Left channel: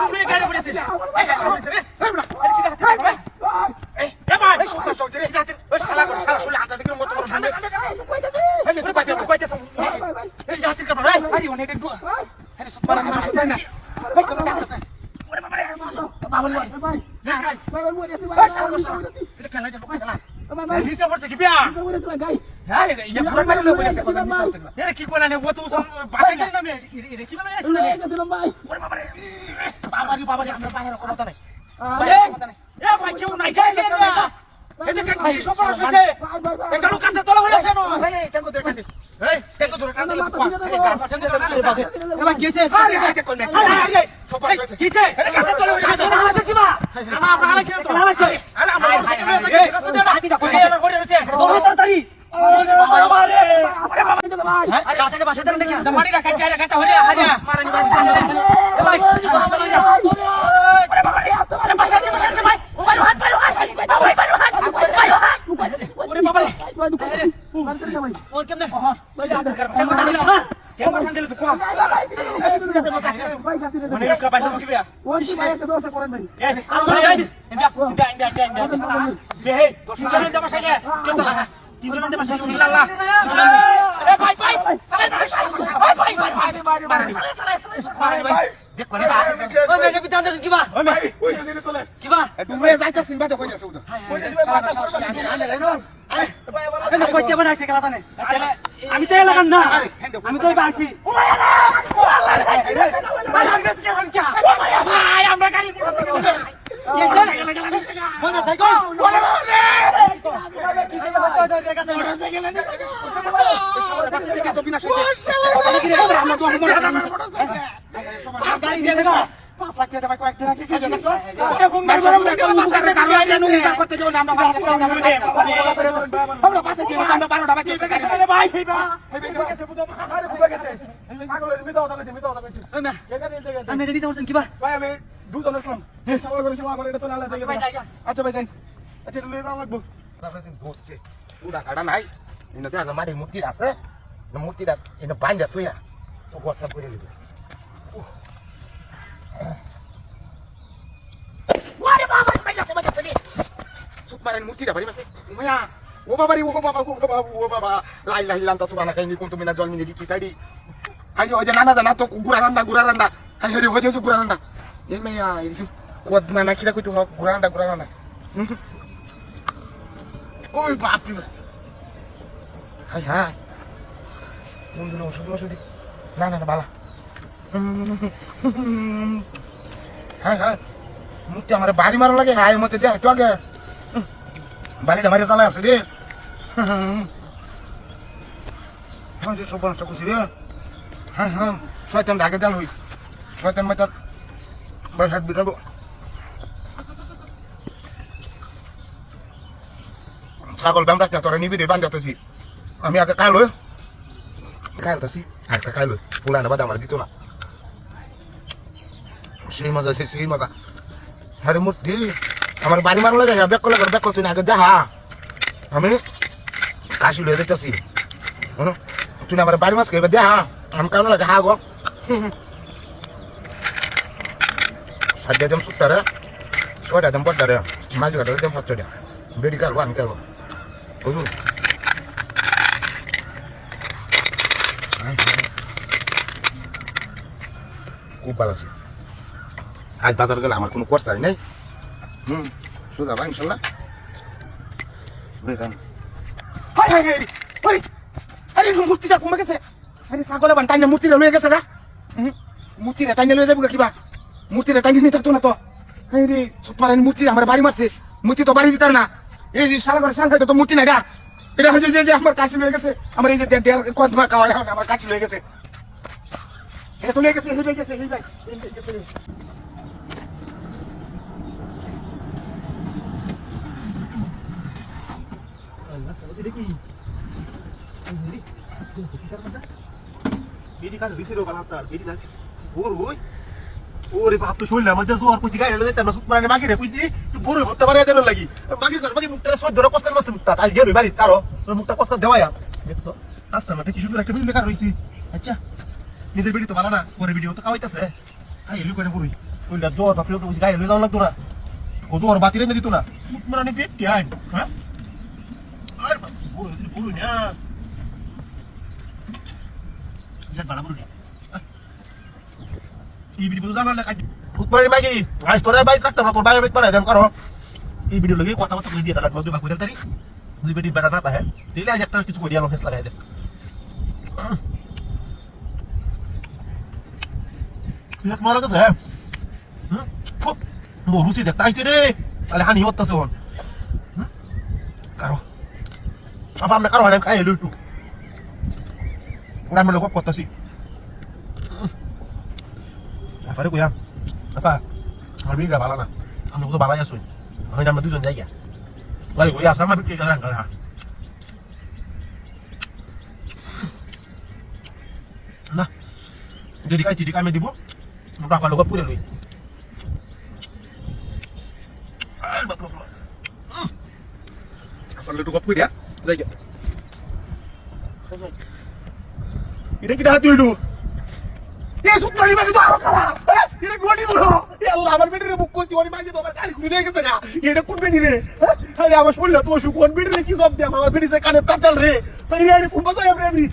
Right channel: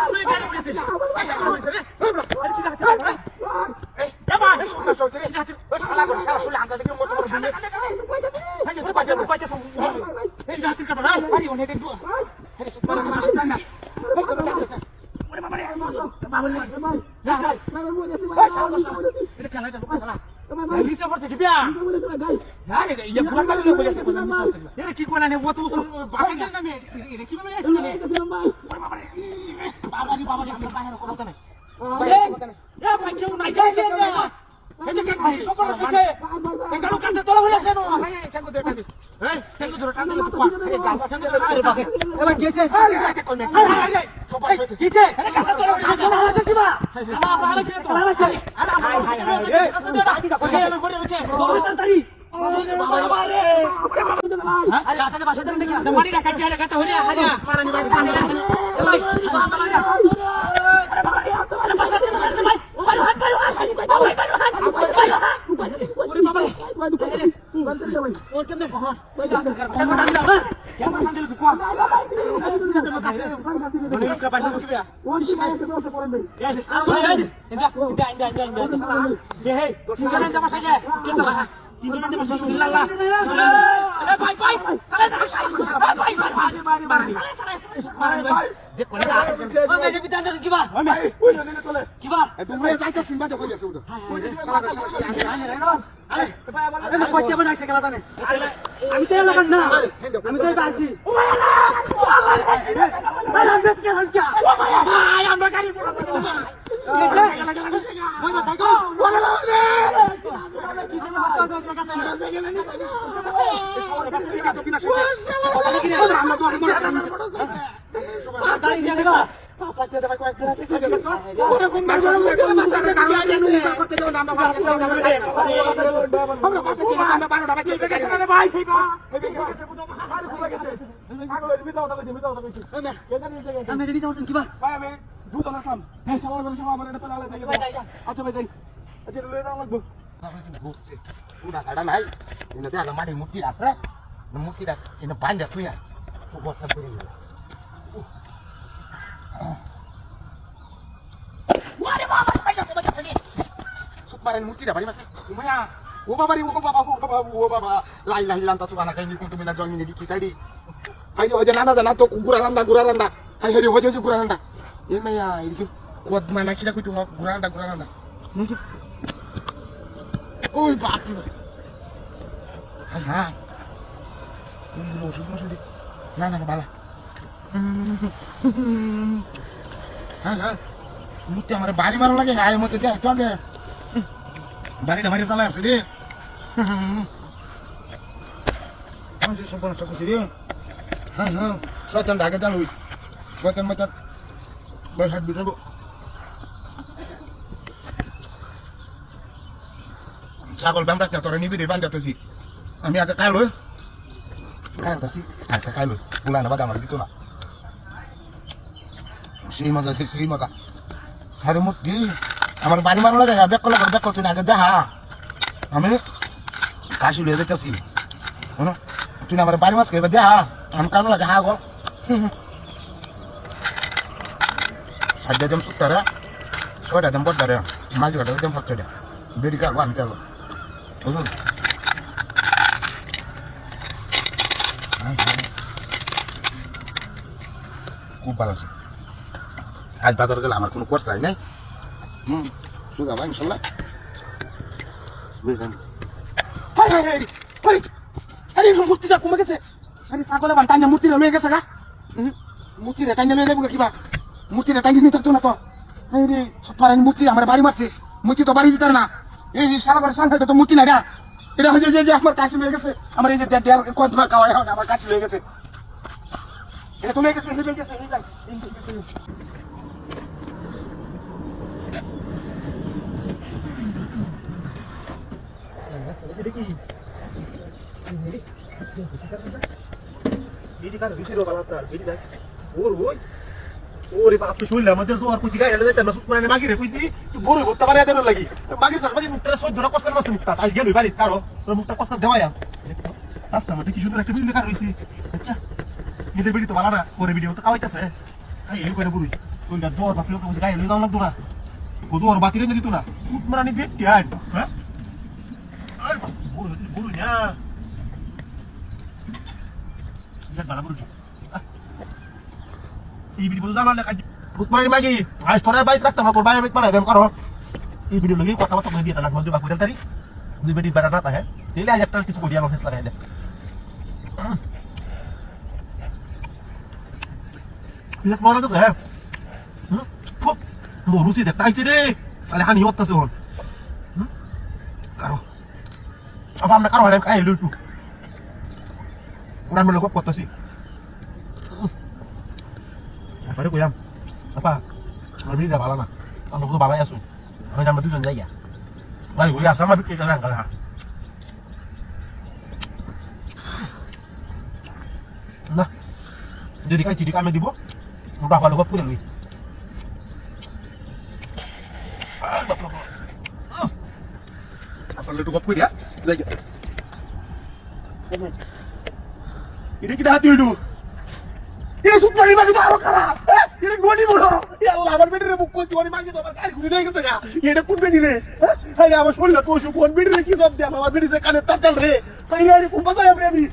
ডুবে গাড়ি পড়েছে রে শালা করে শালা শুলে আনতে দিকে মত করে বুঝলে এই যে বাইতে সাম এই হাতের কাটা রে আই ওনে একটু আরে সুপার সাম না ওরে বাবা রে বাবা রে ভাই ভাই মরেছে ভাই এটা খেলা এটা খেলা ভাই নিচে পড়ছে কি বিয়া হ্যাঁ এই পুরো মেরে লোক বলেছে কথা নিচে পড়ছে এরে কি কোলা নে ও তো বাসা কেন না এরে কি বলে আছে ভাই ওরে বাবা রে বাবা রে আমরা বাইরে কথা নাই এ ভাই কেউ নাই কে না এটা কাট ভাই সবার আছে এই কালো কাছে তলা হয়ে আছে না এই টাঙ্গো ধরে টাঙ্গো এই টাঙ্গো ধরে টাঙ্গো এই গাল পাশে ধরে আরে বাবা এ ভাই কেসে আরে কাকে কোন নাই সবার আছে কিছে এটা কাছে তলা হয়ে আছে কি বা আমরা আলাইছি তো আলাইছি আরে আমরা সেকেন্ড হয়ে গেছে কত দেড় হাতি দা এই এর করে রয়েছে দৌড় তাড়াতাড়ি আরে বাবা রে আরে বাবা ভাই আরে কাছে বাসা ধরে নাকি মারি রাখা যায় কাটা হলে আজা মারানি ভাই এ ভাই তলা যা আরে বাবা রে আরে বাসা আছে ভাই বাইরে হাত ভাই ওরে বাবা রে ওর কেমনে কহ ওই হাত কর কেমন দিলা না কেমন দিলা তো কোয়া মানে কা বাইরে কি বেয়া ওই সময় কে দোষে করে দেই ইন্ডিয়া বে হে তিনজনের জামা সাজে তিনজনের জামা সাজে ইল্লাল্লাহ এ ভাই সালে ভাই ভাই দেখ কোন না ওই মেয়ে বিতান দেন কিবা ওই ভাই ওই নিনে তোলে কিবা তুমি যাইতা সিনবা তো কই আছে ওটা আরে না কইতে বানাইছে গলা তানে আমি তো লাগান না আমি তো গাইছি ও ভাই আমরা কি হন কি ও ভাই আমরা গাড়ি পড়ো কি যে মনে থাকো মনে রে কি যে হতো ওদের কাছে মোটরসাইকেল নেই পাশে থেকে তো বিনা শর্তে আমি কি রে আমরা তো গাড়ি দিয়ে দেবা পাঁচ লাখ টাকা কয়েক দিন আগে কেটে দেখো ওরে ফোন গাড়ি ধরে পাঁচ লাখ টাকা গাড়ি আনো করতে যাও না আমরা পাশে ছিল আমরা 12টা বাকি গেছে আরে ভাই হেবে গেছে বুঝো আরে খুলে গেছে পাগল হইছে মেটা কইছি আমি এটা দিতে বলছেন কি ভাই আমি দুধ আনলাম এই সবার করে এটা তো লালা যাই আচ্ছা ভাই যাই আচ্ছা লয়ে যাও লাগবো তারপরে দিন ঘুরছে পুরা কাটা নাই ইনো তে মাটি মুক্তি আছে মুক্তিটা ইনো বাঁধা তুই তো বর্ষা করে দিবে ওরে বাবা বাজাতে নি সুপারেন মুক্তিটা বাড়ি মাসে মায়া ও বাবা লাই লান্তা সুবানা কাইনি কোন তুমি না জন্মিনি দিকি তাইদি আই ওই যে নানা জানা তো গুড়া রান্না আই হেরি হজে গুড়া রান্না এই মায়া এই কোদ মানা কিরা কইতো গুড়া রান্না কই বাপ রে হাই হাই ওষুধ না বালা হ্যাঁ মুক্তি আমার বাড়ি মারা লাগে হাই মতে দেখ তো আগে বাড়িটা মারি চালাই আছে রে সব বলছে খুশি রে হ্যাঁ শয়তান আগে যান হই শয়তান মাতান বাস হাত বিরাবো ছাগল বান্ধা তোরা নিবি রে বান্ধাতেছি আমি আগে কালতাছি আর কাইলো পুরানো বাদ আমার দিত না সেই মজা আরে মুক্তি আমার বাড়ি মারো লাগে ব্যাক তুই না আগে দেখা আমি কাশি লয়ে যাইতেছি তুই না আমার বাড়ি মাছ খাইবে দেখা আমি কারণ লাগে হা গো সাজ্জা দেম সুত্তারে ছয়টা দেম বড়টারে মাঝ ঘাটে দেম সচ্চটা বেড়ি কারবো আমি কারবো বুঝুন খুব ভালো আছে আজ বাজার গেলে আমার কোনো খরচাই নাই সুদা ভাই ইনশাল্লাহ আরে মূর্তিটা কমে গেছে আরে ছাগলে বান টাইনা মূর্তিটা লয়ে গেছে গা মূর্তিটা টাইনা লয়ে যাবো কিবা মূর্তিটা টাইনা নিয়ে থাকতো না তো রে সুপারেন মূর্তি আমার বাড়ি মারছে মূর্তি তো বাড়ি দিতার না এই শালা করে শান্তি তো মূর্তি নাই এটা হয়েছে যে আমার কাশি লয়ে গেছে আমার এই যে কদমা খাওয়া আমার কাশি লয়ে গেছে এটা তো লয়ে গেছে ওরে বাপ শুনলে আমাদের জোর কুচি গাড়ি দিতে আমরা সুপারে মাগি রে কুচি বড় ভর্তা বারে দেন লাগি মাগি কর মাগি মুটটা সহ্য করে কষ্ট করতে মুটটা আজ গেল বাড়ি তারো মুটটা কষ্ট দেওয়া দেখছো আস্তে আমাদের কি সুন্দর একটা ভিডিও লেখা রইছি আচ্ছা নিজের ভিডিও তো ভালো না পরে ভিডিও তো খাওয়াইতাছে তাই এই করে বুড়ি কইলা জ্বর বাপরে তো গায়ে লই যাওয়া লাগতো না কত ওর বাতিরে না দিত না উঠ মারানি পেট কি আইন হ্যাঁ আর বুড়ো না বিরাট বালা বুড়ো এই ভিডিও জানা না কাজ উঠ মারানি মাগি আজ তোর বাইক রাখতে না তোর বাইরে বাইক পারে দেন করো এই ভিডিও লাগি কথা কথা কই দিয়ে রাখলাম যে বাকুইরা তারি যে বেটি বেটা না তাহে তেলে আজ একটা কিছু করি আমার ফেস লাগাই দে পেট মারা গেছে হ্যাঁ বলুছি দেখ তাইছে রে তাহলে হানি হতেছে হন কারো সব আমরা কারো হারাম খাই লইটু নাম লোক করতেছি আরে কইয়াম আপা আমি এটা ভালো না আমরা তো বাবাই আসুন আমি আমরা দুজন যাই গা আরে কইয়া আসা আমার বিক্রি করা গান না যদি কাই চিঠি কামে দিব টাকা লোক পুরে লই Apa lu tukar punya? Lagi. Ini kita hati dulu. Ini super ini bagi taruh kara. Ini gua di bawah. Ya Allah, আমার বেডে বুক করছি ওই মাগি তো আমার গাড়ি ঘুরে নিয়ে গেছে না। এটা কোন বেডি রে? আরে আমার শুনলে তো কোন বেডি রে কি জব দে আমার বেডি সে কানে তার চল রে। আরে কোন বাজারে আপনি